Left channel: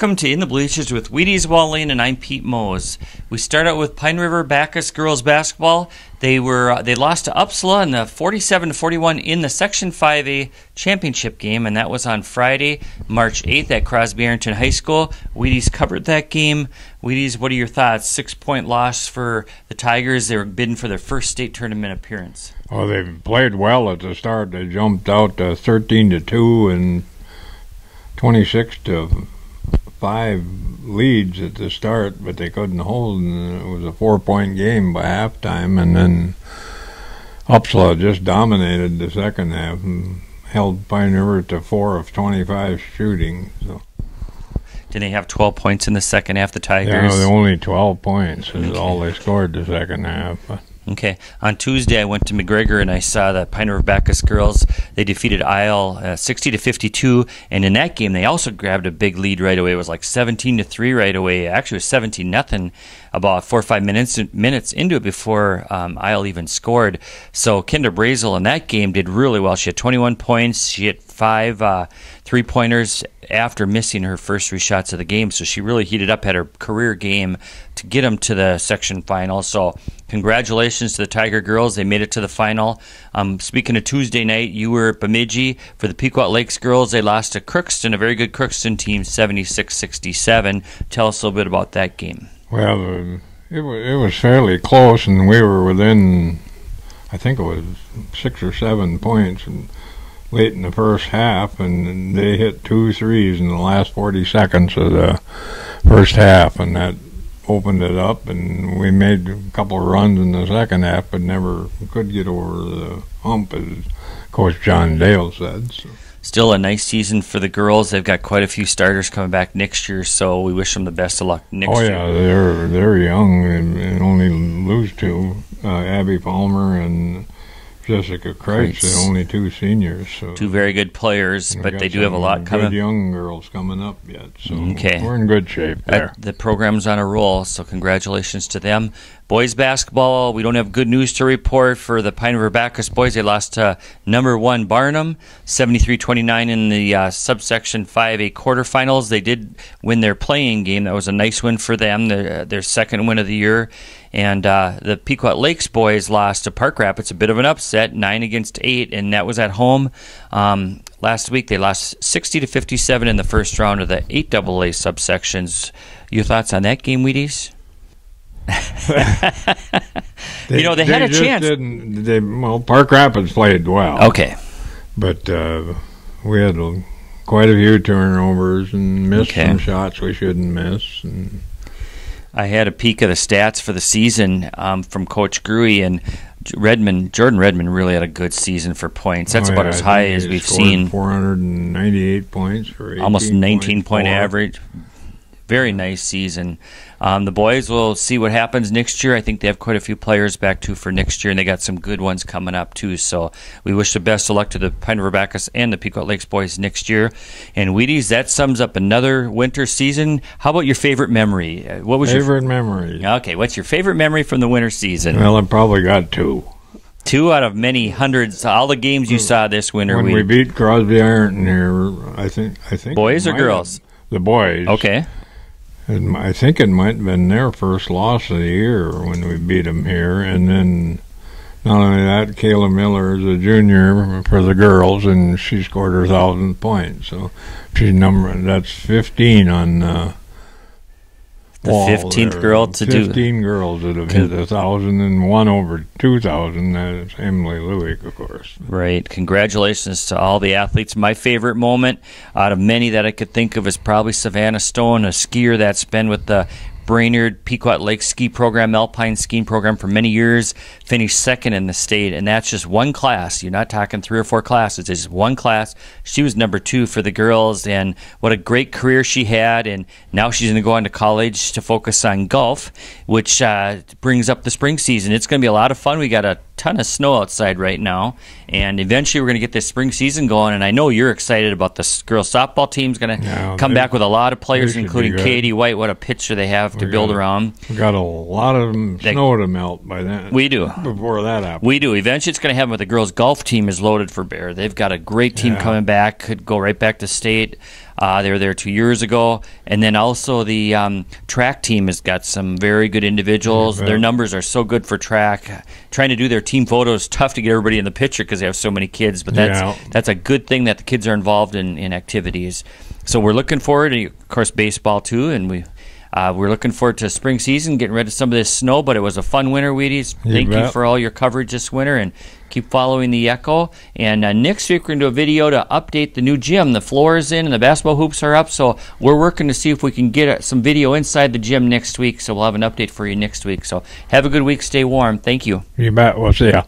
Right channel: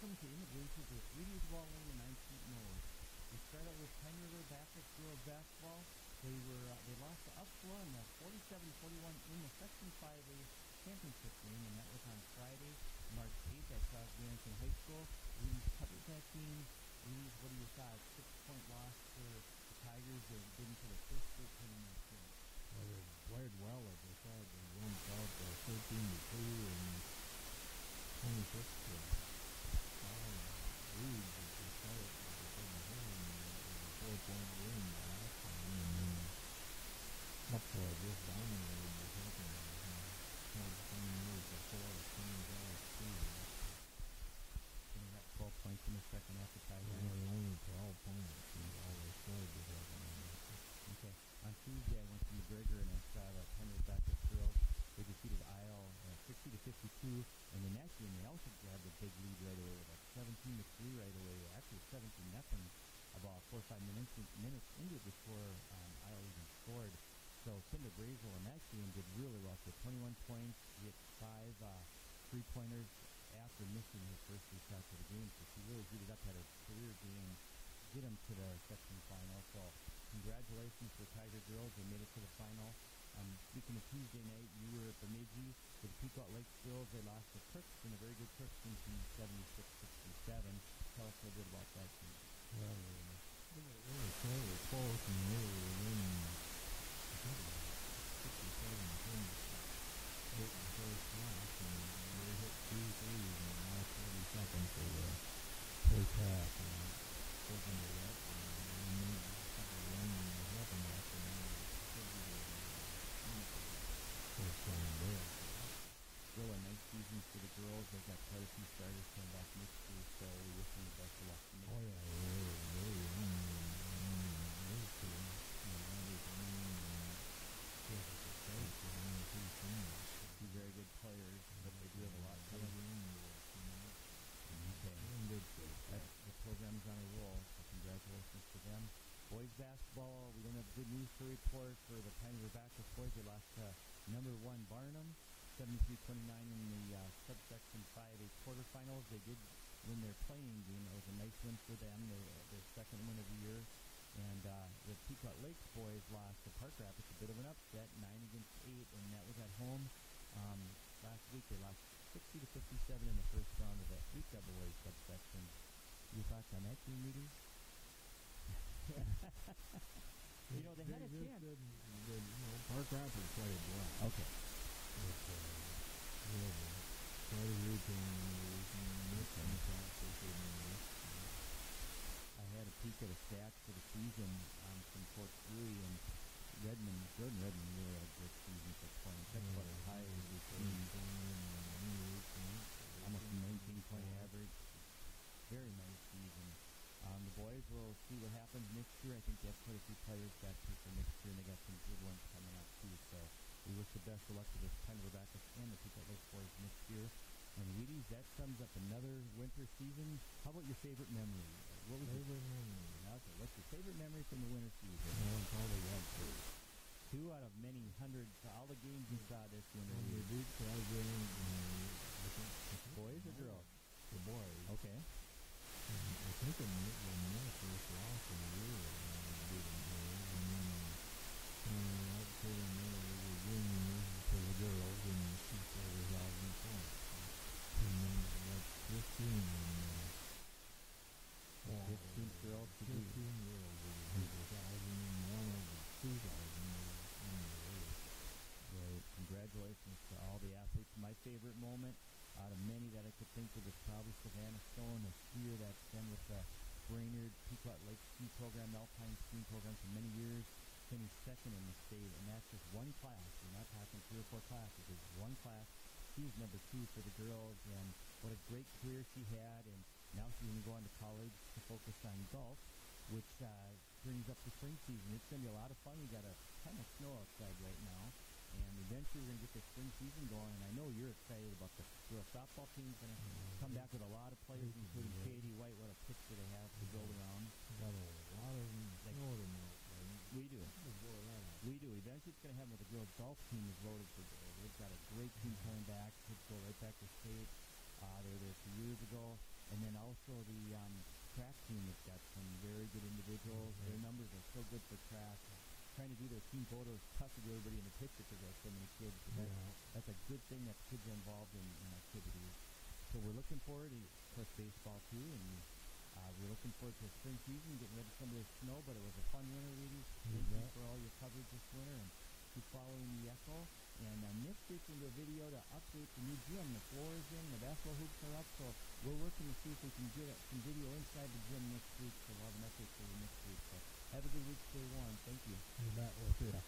Welcome to In the Bleachers with Wheaties, Walleen, and I'm Pete Mose. We start out with Pine River-Backus girls basketball. They lost to Uppsala in the 47-41 in the Section 5A championship game, and that was on Friday, March 8th at Crosby-Arrington High School. Wheaties covered that game. Wheaties, what are your thoughts? 6-point loss for the Tigers. They were bidding for their first state tournament appearance. Well, they played well at the start. They jumped out 13-2 and 26-5 leads at the start, but they couldn't hold, and it was a 4-point game by halftime, and then Uppsala just dominated the second half and held Pine River to 4 of 25 shooting. So. Did they have 12 points in the second half, the Tigers? Yeah, only 12 points is all they scored the second half. Okay. On Tuesday, I went to McGregor and I saw the Pine River-Backus girls. They defeated Isle 60-52, and in that game, they also grabbed a big lead right away. It was like 17-3 right away. Actually, it was 17-0 about 4 or 5 minutes into it before Isle even scored. So Kinder Brazel in that game did really well. She had 21 points. She hit 5 three-pointers after missing her first 3 shots of the game. So she really heated up, had her career game to get them to the section final. So congratulations to the Tiger girls. They made it to the final. Speaking of Tuesday night, you were at Bemidji for the Pequot Lakes girls. They lost to Crookston, a very good Crookston team, 76-67. Tell us a little bit about that game. Well, it was fairly close, and we were within, I think it was 6 or 7 points late in the first half, and they hit 2 threes in the last 40 seconds of the first half, and that opened it up, and we made a couple of runs in the second half, but never could get over the hump, as Coach John Dale said. So. Still a nice season for the girls. They've got quite a few starters coming back next year, so we wish them the best of luck next year. Oh, yeah, they're young and only lose to Abby Palmer and Jessica Kreitz, the only 2 seniors. So 2 very good players, but they do have a lot coming. Good young girls coming up yet, so okay. We're in good shape there. The program's on a roll, so congratulations to them. Boys basketball, we don't have good news to report for the Pine River-Backus boys. They lost to number 1 Barnum, 73-29 in the subsection 5A quarterfinals. They did win their playing game. That was a nice win for them, their second win of the year. And the Pequot Lakes boys lost to Park Rapids, a bit of an upset, 9-8, and that was at home. Last week they lost 60-57 in the first round of the 8AA subsections. Your thoughts on that game, Wheaties? They had a chance. Park Rapids played well. Okay. But we had quite a few turnovers and missed some shots we shouldn't miss. And I had a peek of the stats for the season from Coach Gruey, and Jordan Redmond really had a good season for points. That's about as high as we've seen. 498 points for 18 almost 19-point average. Very nice season. The boys will see what happens next year. I think they have quite a few players back, too, for next year, and they got some good ones coming up, too. So we wish the best of luck to the Pine River-Backus and the Pequot Lakes boys next year. And, Wheaties, that sums up another winter season. How about your favorite memory? What was your favorite memory? Okay, what's your favorite memory from the winter season? Well, I probably got 2. 2 out of many hundreds. All the games you saw this winter. When we beat Crosby-Arrington here, I think. Boys or girls? The boys. Okay. I think it might have been their first loss of the year when we beat them here. And then not only that, Kayla Miller is a junior for the girls, and she scored her 1,000th point. So that's 15 on the 15th girl to 15 girls that have hit 1,000, and one over 2,000. That's Emily Lewick, of course. Right. Congratulations to all the athletes. My favorite moment out of many that I could think of is probably Savannah Stone, a skier that's been with the Brainerd Pequot Lakes ski program, alpine skiing program for many years, finished second in the state, and that's just one class. You're not talking 3 or 4 classes. It's just one class. She was number 2 for the girls, and what a great career she had, and now she's going to go on to college to focus on golf, which brings up the spring season. It's going to be a lot of fun. We got a ton of snow outside right now, and eventually we're going to get this spring season going, and I know you're excited about this girls softball team's going to come back with a lot of players, including Katie White. What a pitcher they have to build around. We got a lot of snow to melt by then. We do. Before that happens. We do. Eventually it's going to happen, but the girls golf team is loaded for bear. They've got a great team coming back, could go right back to state. They were there 2 years ago. And then also the track team has got some very good individuals. Their numbers are so good for track. Trying to do their team photos, tough to get everybody in the picture because they have so many kids. But that's a good thing that the kids are involved in activities. So we're looking forward to, of course, baseball too. And we're looking forward to spring season, getting rid of some of this snow. But it was a fun winter, Wheaties. Thank you for all your coverage this winter. And keep following the Echo. And next week, we're going to do a video to update the new gym. The floor is in and the basketball hoops are up. So we're working to see if we can get some video inside the gym next week. So we'll have an update for you next week. So have a good week. Stay warm. Thank you. You bet. We'll see ya.